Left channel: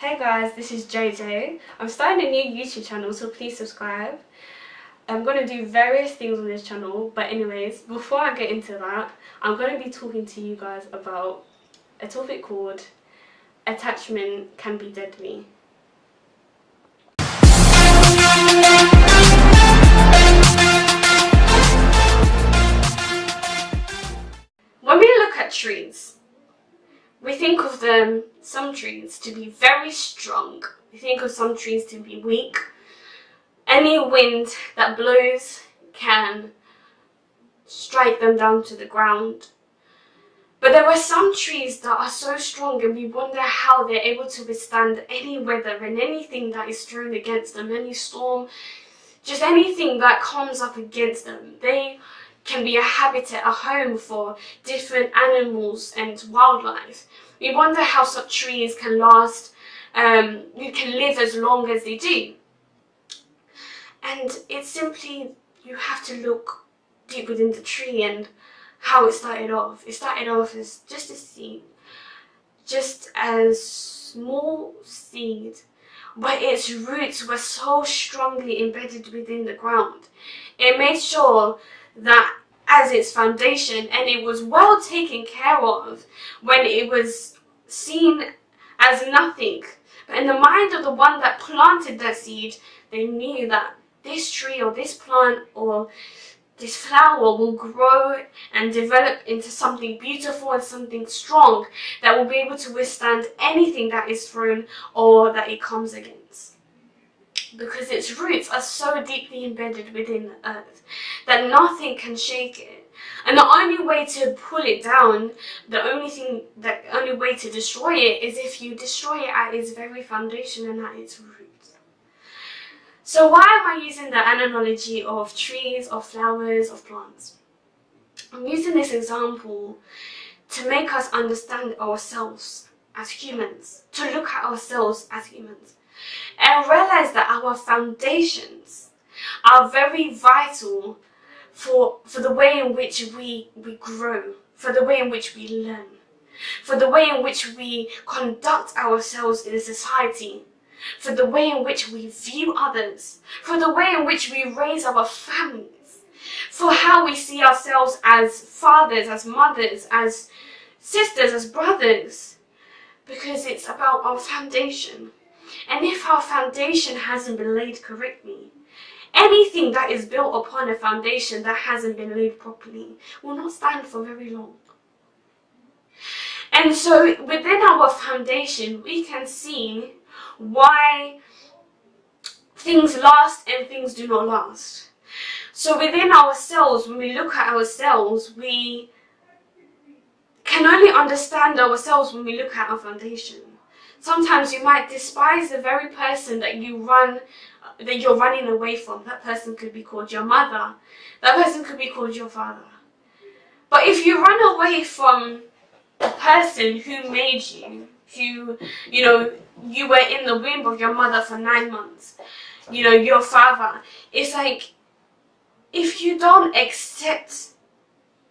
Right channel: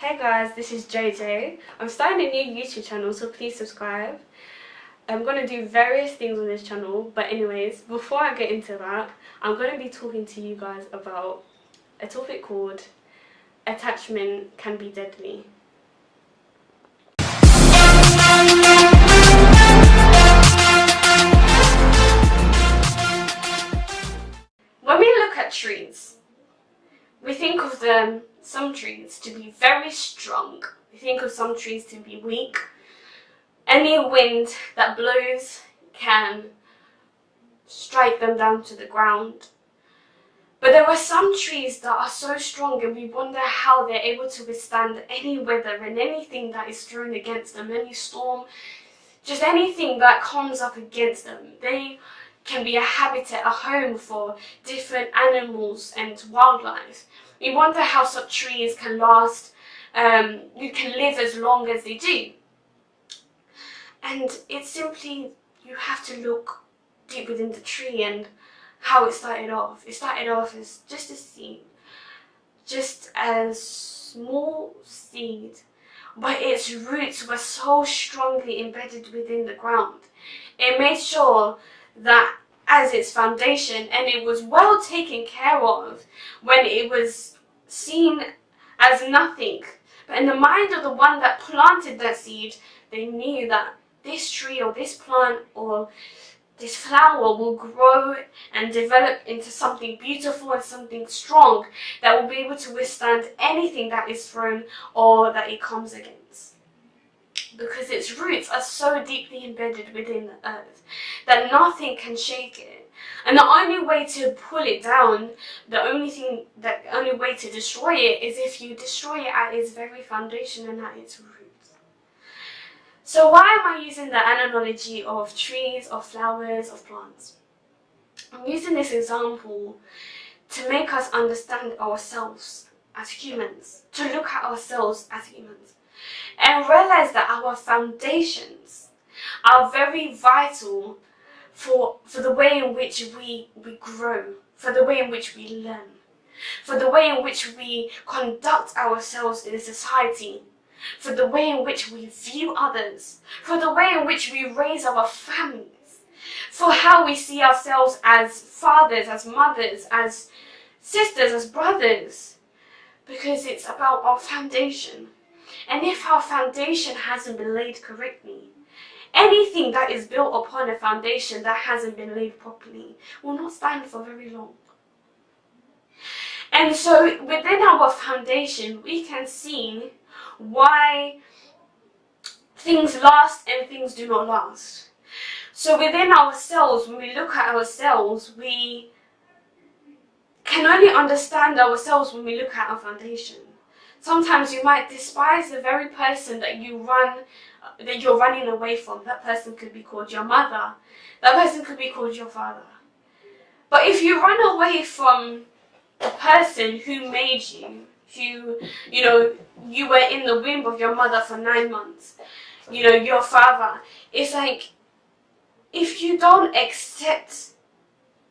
Hey guys, this is JJ. I'm starting a new YouTube channel, so please subscribe. I'm going to do various things on this channel, but anyways, before I get into that, I'm going to be talking to you guys about a topic called attachment can be deadly. When we look at trees, we think of some trees to be very strong. We think of some trees to be weak. Any wind that blows can strike them down to the ground. But there are some trees that are so strong, and we wonder how they're able to withstand any weather and anything that is thrown against them, any storm, just anything that comes up against them. They can be a habitat, a home for different animals and wildlife. We wonder how such trees can last, you can live as long as they do. And it's simply, you have to look deep within the tree and how it started off. It started off as just a seed, just a small seed, but its roots were so strongly embedded within the ground. It made sure that as its foundation, and it was well taken care of when it was seen as nothing. But in the mind of the one that planted that seed, they knew that this tree or this plant or this flower will grow and develop into something beautiful and something strong that will be able to withstand anything that is thrown or that it comes against. Because its roots are so deeply embedded within the earth that nothing can shake it. And the only way to pull it down, the only way to destroy it is if you destroy it at its very foundation and at its roots. So why am I using the analogy of trees, of flowers, of plants? I'm using this example to make us understand ourselves as humans, to look at ourselves as humans, and realize that our foundations are very vital for the way in which we grow, for the way in which we learn, for the way in which we conduct ourselves in society, for the way in which we view others, for the way in which we raise our families, for how we see ourselves as fathers, as mothers, as sisters, as brothers, because it's about our foundation. And if our foundation hasn't been laid correctly, anything that is built upon a foundation that hasn't been laid properly will not stand for very long. And so within our foundation, we can see why things last and things do not last. So within ourselves, when we look at ourselves, we can only understand ourselves when we look at our foundation. Sometimes you might despise the very person that you're running away from. That person could be called your mother. That person could be called your father. But if you run away from the person who made you, you were in the womb of your mother for 9 months, your father, it's like, if you don't accept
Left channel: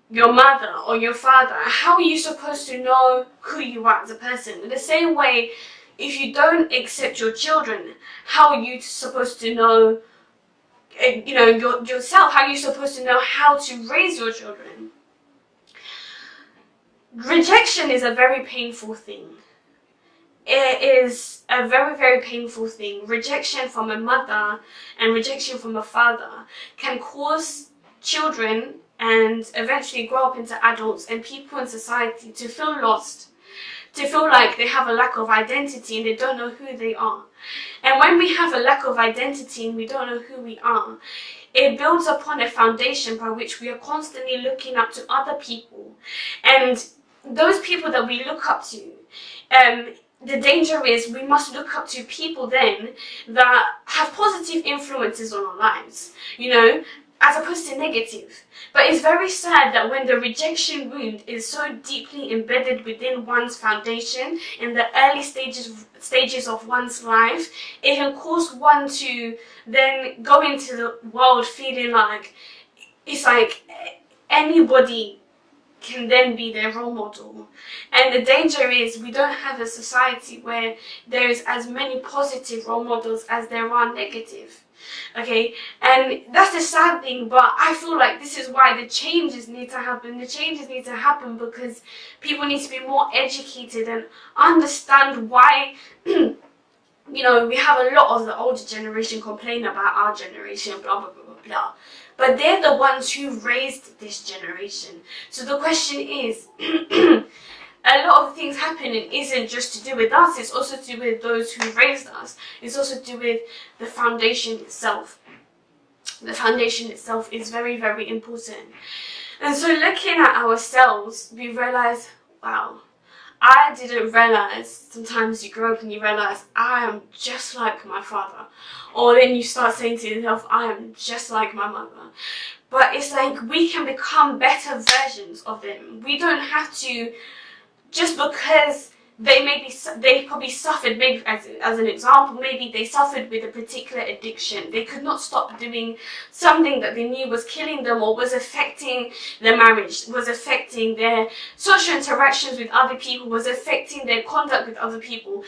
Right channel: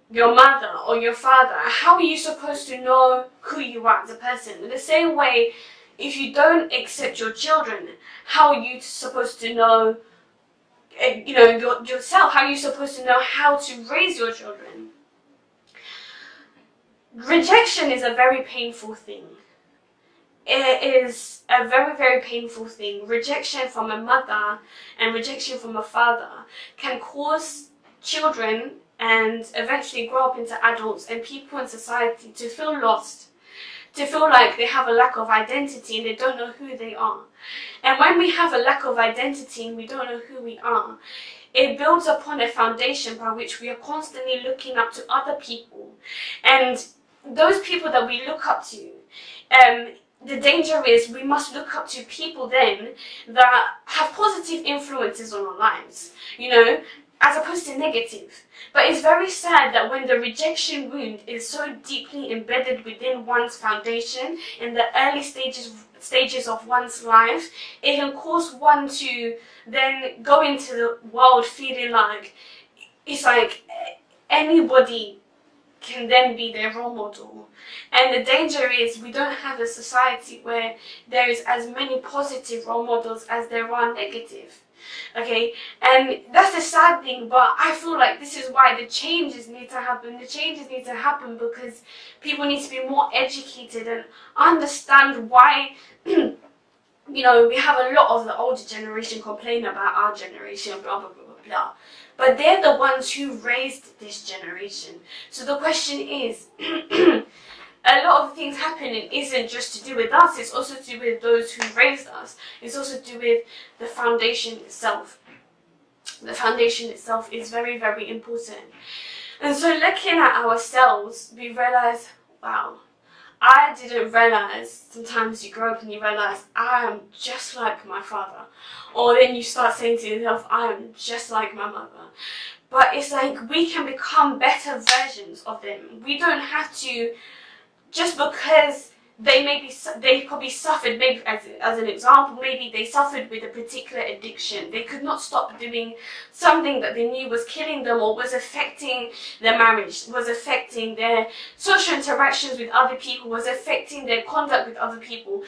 your mother or your father, how are you supposed to know who you are as a person? In the same way, if you don't accept your children, how are you supposed to know, yourself? How are you supposed to know how to raise your children? Rejection is a very painful thing. It is a very, very painful thing. Rejection from a mother and rejection from a father can cause children and eventually grow up into adults and people in society to feel lost, to feel like they have a lack of identity and they don't know who they are. And when we have a lack of identity and we don't know who we are, it builds upon a foundation by which we are constantly looking up to other people. And those people that we look up to, the danger is we must look up to people then that have positive influences on our lives, as opposed to negative. But it's very sad that when the rejection wound is so deeply embedded within one's foundation in the early stages of one's life, it can cause one to then go into the world feeling like it's like anybody can then be their role model. And the danger is we don't have a society where there is as many positive role models as there are negative. Okay, and that's the sad thing, but I feel like this is why the changes need to happen. The changes need to happen because people need to be more educated and understand why you know, we have a lot of the older generation complain about our generation, blah, blah, blah, blah, blah. But they're the ones who raised this generation. So the question is, a lot of things happening isn't just to do with us, it's also to do with those who raised us. It's also to do with the foundation itself. The foundation itself is very, very important. And so looking at ourselves, we realize, wow, I didn't realize, sometimes you grow up and you realize, I am just like my father. Or then you start saying to yourself, I am just like my mother. But it's like we can become better versions of them. We don't have to, just because they probably suffered, maybe as an example, maybe they suffered with a particular addiction. They could not stop doing something that they knew was killing them or was affecting their marriage, was affecting their social interactions with other people, was affecting their conduct with other people.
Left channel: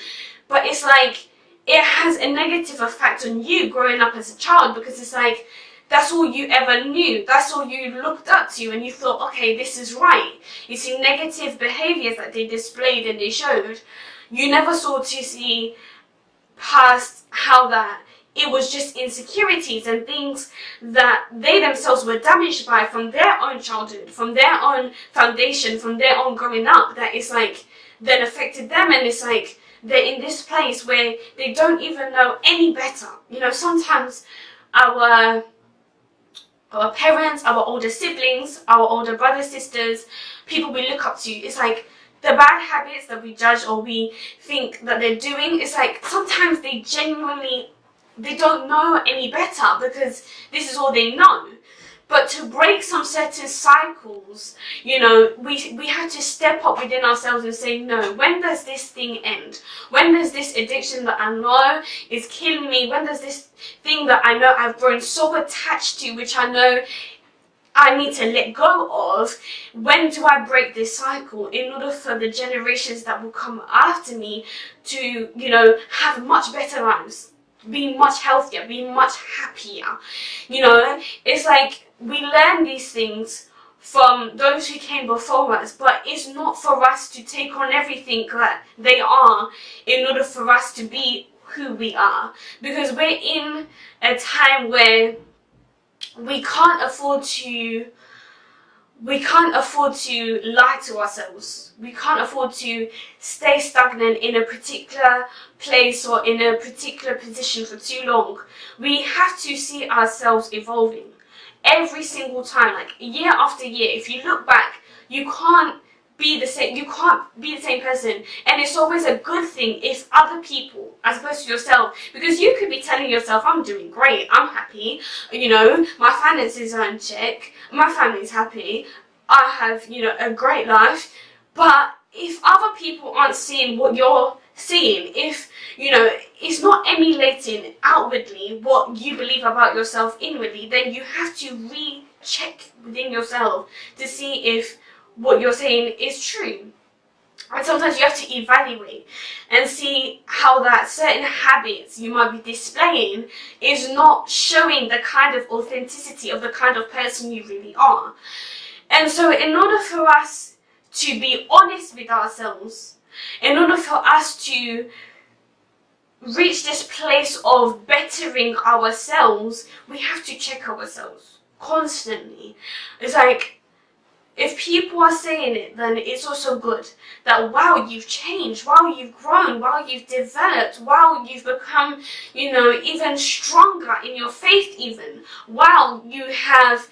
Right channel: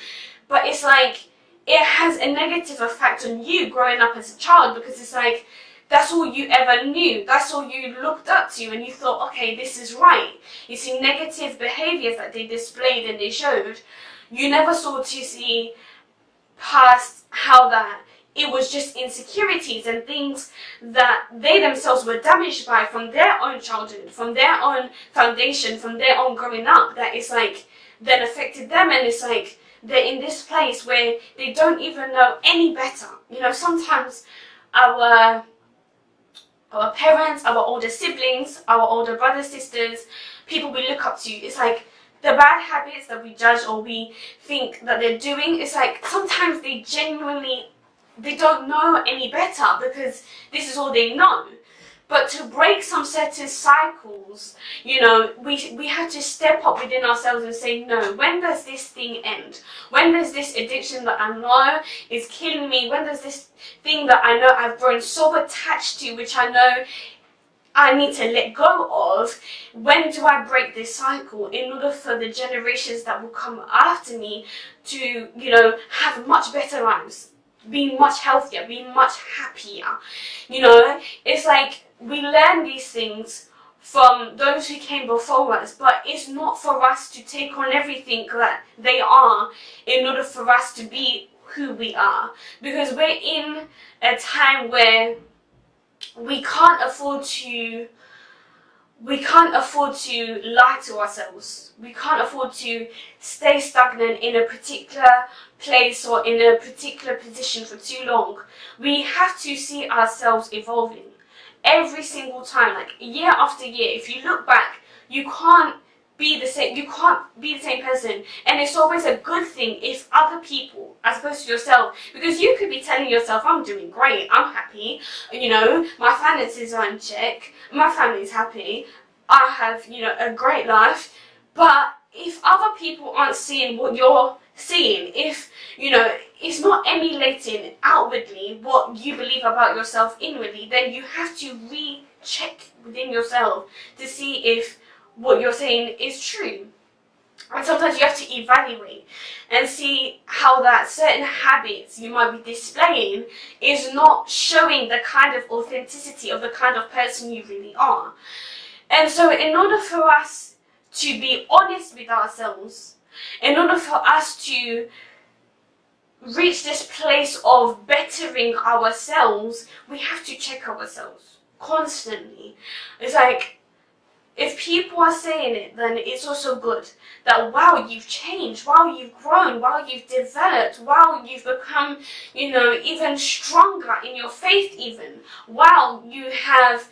But it's like, it has a negative effect on you growing up as a child, because it's like, that's all you ever knew. That's all you looked up to, and you thought, okay, this is right. You see negative behaviors that they displayed and they showed. You never saw to see past how that it was just insecurities and things that they themselves were damaged by from their own childhood, from their own foundation, from their own growing up, that is like, then affected them. And it's like, they're in this place where they don't even know any better. You know, sometimes our parents, our older siblings, our older brothers, sisters, people we look up to, it's like the bad habits that we judge or we think that they're doing, it's like sometimes they genuinely, they don't know any better because this is all they know. But to break some certain cycles, you know, we have to step up within ourselves and say, no, when does this thing end? When does this addiction that I know is killing me, when does this thing that I know I've grown so attached to, which I know I need to let go of, when do I break this cycle in order for the generations that will come after me to, you know, have much better lives, be much healthier, be much happier? You know, it's like, we learn these things from those who came before us, but it's not for us to take on everything that they are in order for us to be who we are. Because we're in a time where we can't afford to lie to ourselves. We can't afford to stay stagnant in a particular place or in a particular position for too long. We have to see ourselves evolving every single time, like year after year. If you look back, you can't be the same person. And it's always a good thing if other people, as opposed to yourself, because you could be telling yourself, I'm doing great, I'm happy, you know, my finances are in check, my family's happy, I have, you know, a great life. But if other people aren't seeing what you're seeing, if, you know, it's not emulating outwardly what you believe about yourself inwardly, then you have to recheck within yourself to see if what you're saying is true. And sometimes you have to evaluate and see how that certain habits you might be displaying is not showing the kind of authenticity of the kind of person you really are. And so in order for us to be honest with ourselves, in order for us to reach this place of bettering ourselves, we have to check ourselves constantly. It's like, if people are saying it, then it's also good that, wow, you've changed, wow, you've grown, wow, you've developed, wow, you've become, you know, even stronger in your faith even. Wow, you have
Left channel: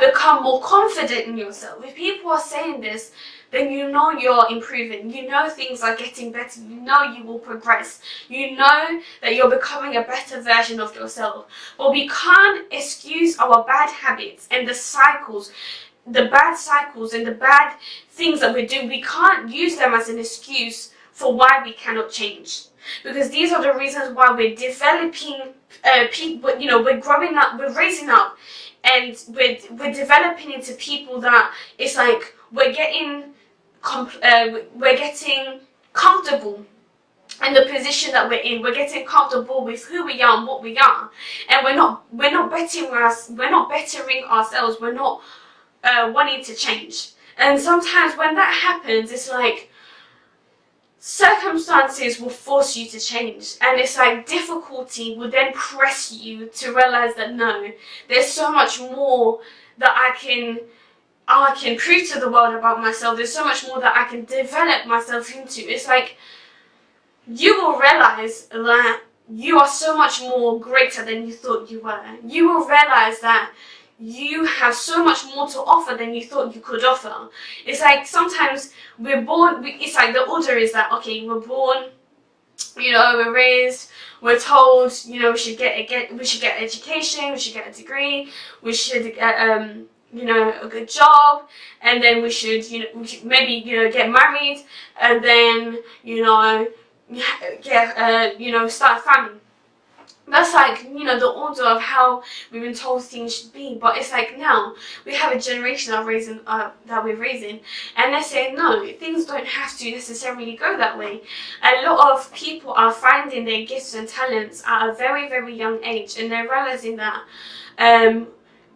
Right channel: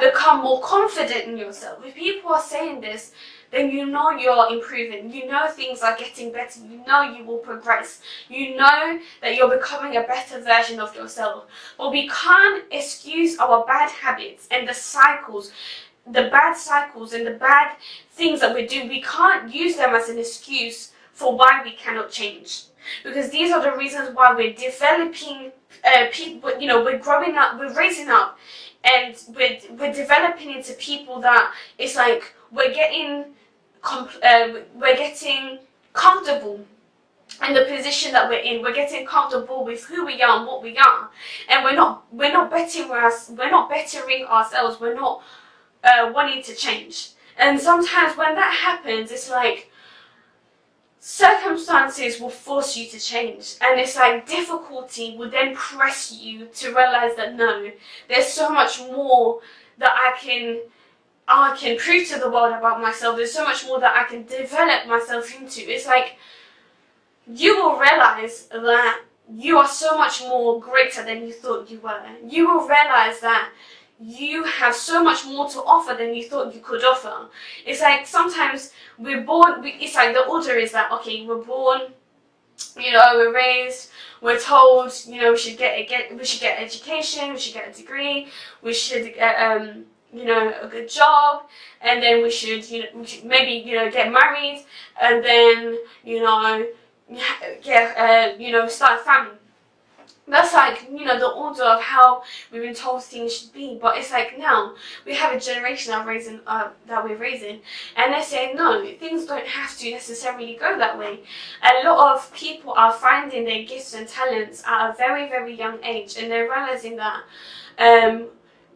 become more confident in yourself. If people are saying this, then you know you're improving, you know things are getting better, you know you will progress, you know that you're becoming a better version of yourself. But we can't excuse our bad habits and the cycles, the bad cycles and the bad things that we're doing. We can't use them as an excuse for why we cannot change. Because these are the reasons why we're developing people, you know, we're growing up, we're raising up and we're developing into people that it's like we're getting comfortable in the position that we're in. We're getting comfortable with who we are and what we are, and we're not bettering ourselves. We're not wanting to change. And sometimes when that happens, it's like circumstances will force you to change, and it's like difficulty will then press you to realize that no, there's so much more that I can prove to the world about myself. There's so much more that I can develop myself into. It's like you will realize that you are so much more greater than you thought you were. You will realize that you have so much more to offer than you thought you could offer. It's like sometimes we're born, it's like the order is that, okay, we're born, you know, we're raised, we're told, you know, we should get education, we should get a degree, we should get, you know, a good job, and then we should, you know, maybe, you know, get married, and then, you know, get, you know, start a family. That's like, you know, the order of how we've been told things should be. But it's like now we have a generation that we're raising, and they're saying no, things don't have to necessarily go that way. A lot of people are finding their gifts and talents at a very, very young age, and they're realizing that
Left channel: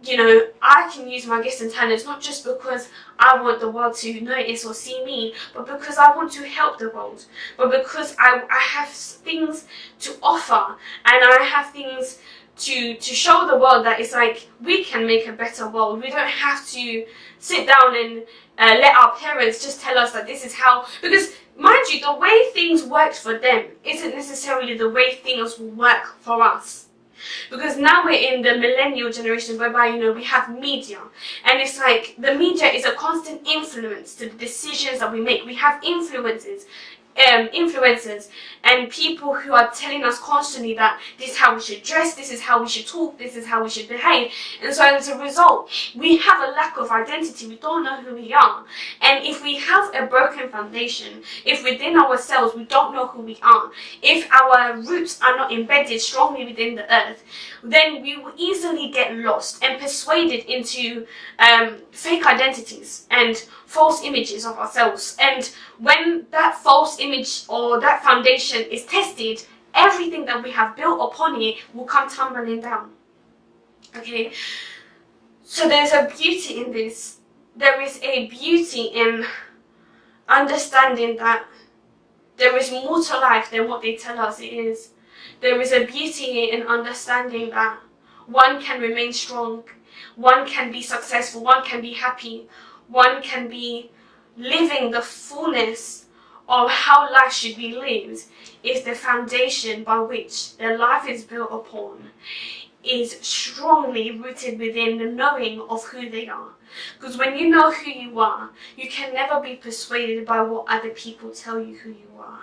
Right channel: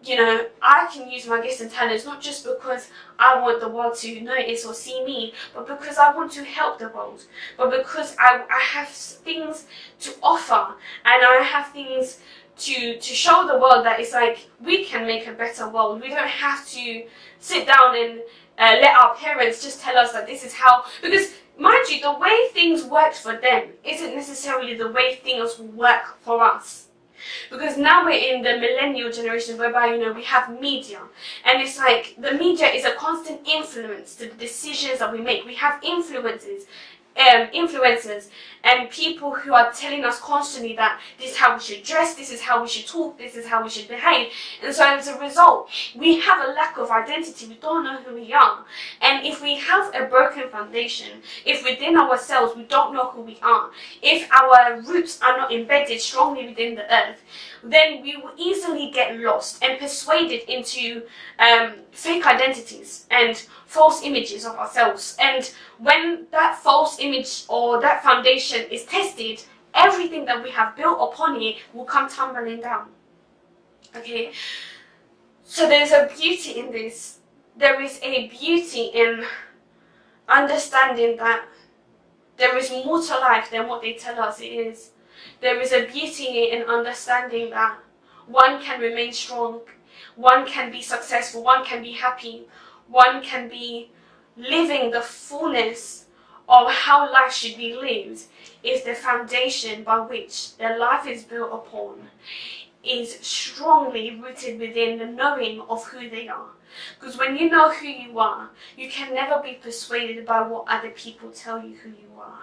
you know, I can use my gifts and talents not just because I want the world to notice or see me, but because I want to help the world, but because I have things to offer, and I have things to show the world that it's like we can make a better world. We don't have to sit down and let our parents just tell us that this is how, because mind you, the way things worked for them isn't necessarily the way things will work for us. Because now we're in the millennial generation whereby, you know, we have media, and it's like the media is a constant influence to the decisions that we make. We have influencers and people who are telling us constantly that this is how we should dress, this is how we should talk, this is how we should behave. And so as a result, we have a lack of identity. We don't know who we are. And if we have a broken foundation, if within ourselves we don't know who we are, if our roots are not embedded strongly within the earth, then we will easily get lost and persuaded into fake identities and false images of ourselves. And when that false image or that foundation is tested, everything that we have built upon it will come tumbling down. Okay, so there's a beauty in this. There is a beauty in understanding that there is more to life than what they tell us it is. There is a beauty in understanding that one can remain strong, one can be successful, one can be happy, one can be living the fullness of how life should be lived if the foundation by which their life is built upon is strongly rooted within the knowing of who they are. Because when you know who you are, you can never be persuaded by what other people tell you who you are.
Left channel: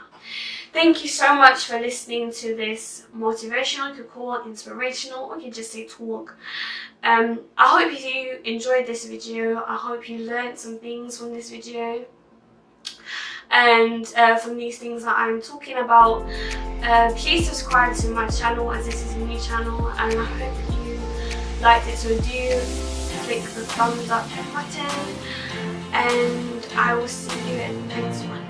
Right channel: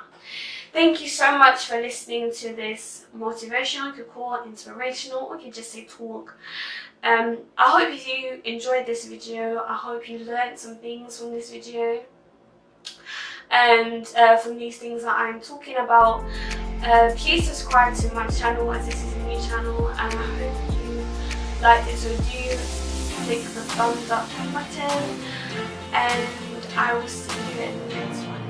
Thank you so much for listening to this motivational, you could call it inspirational, or you could just say talk. I hope you enjoyed this video. I hope you learned some things from this video and from these things that I'm talking about. Please subscribe to my channel, as this is a new channel, and I hope you liked it. So do click the thumbs up button, and I will see you in the next one.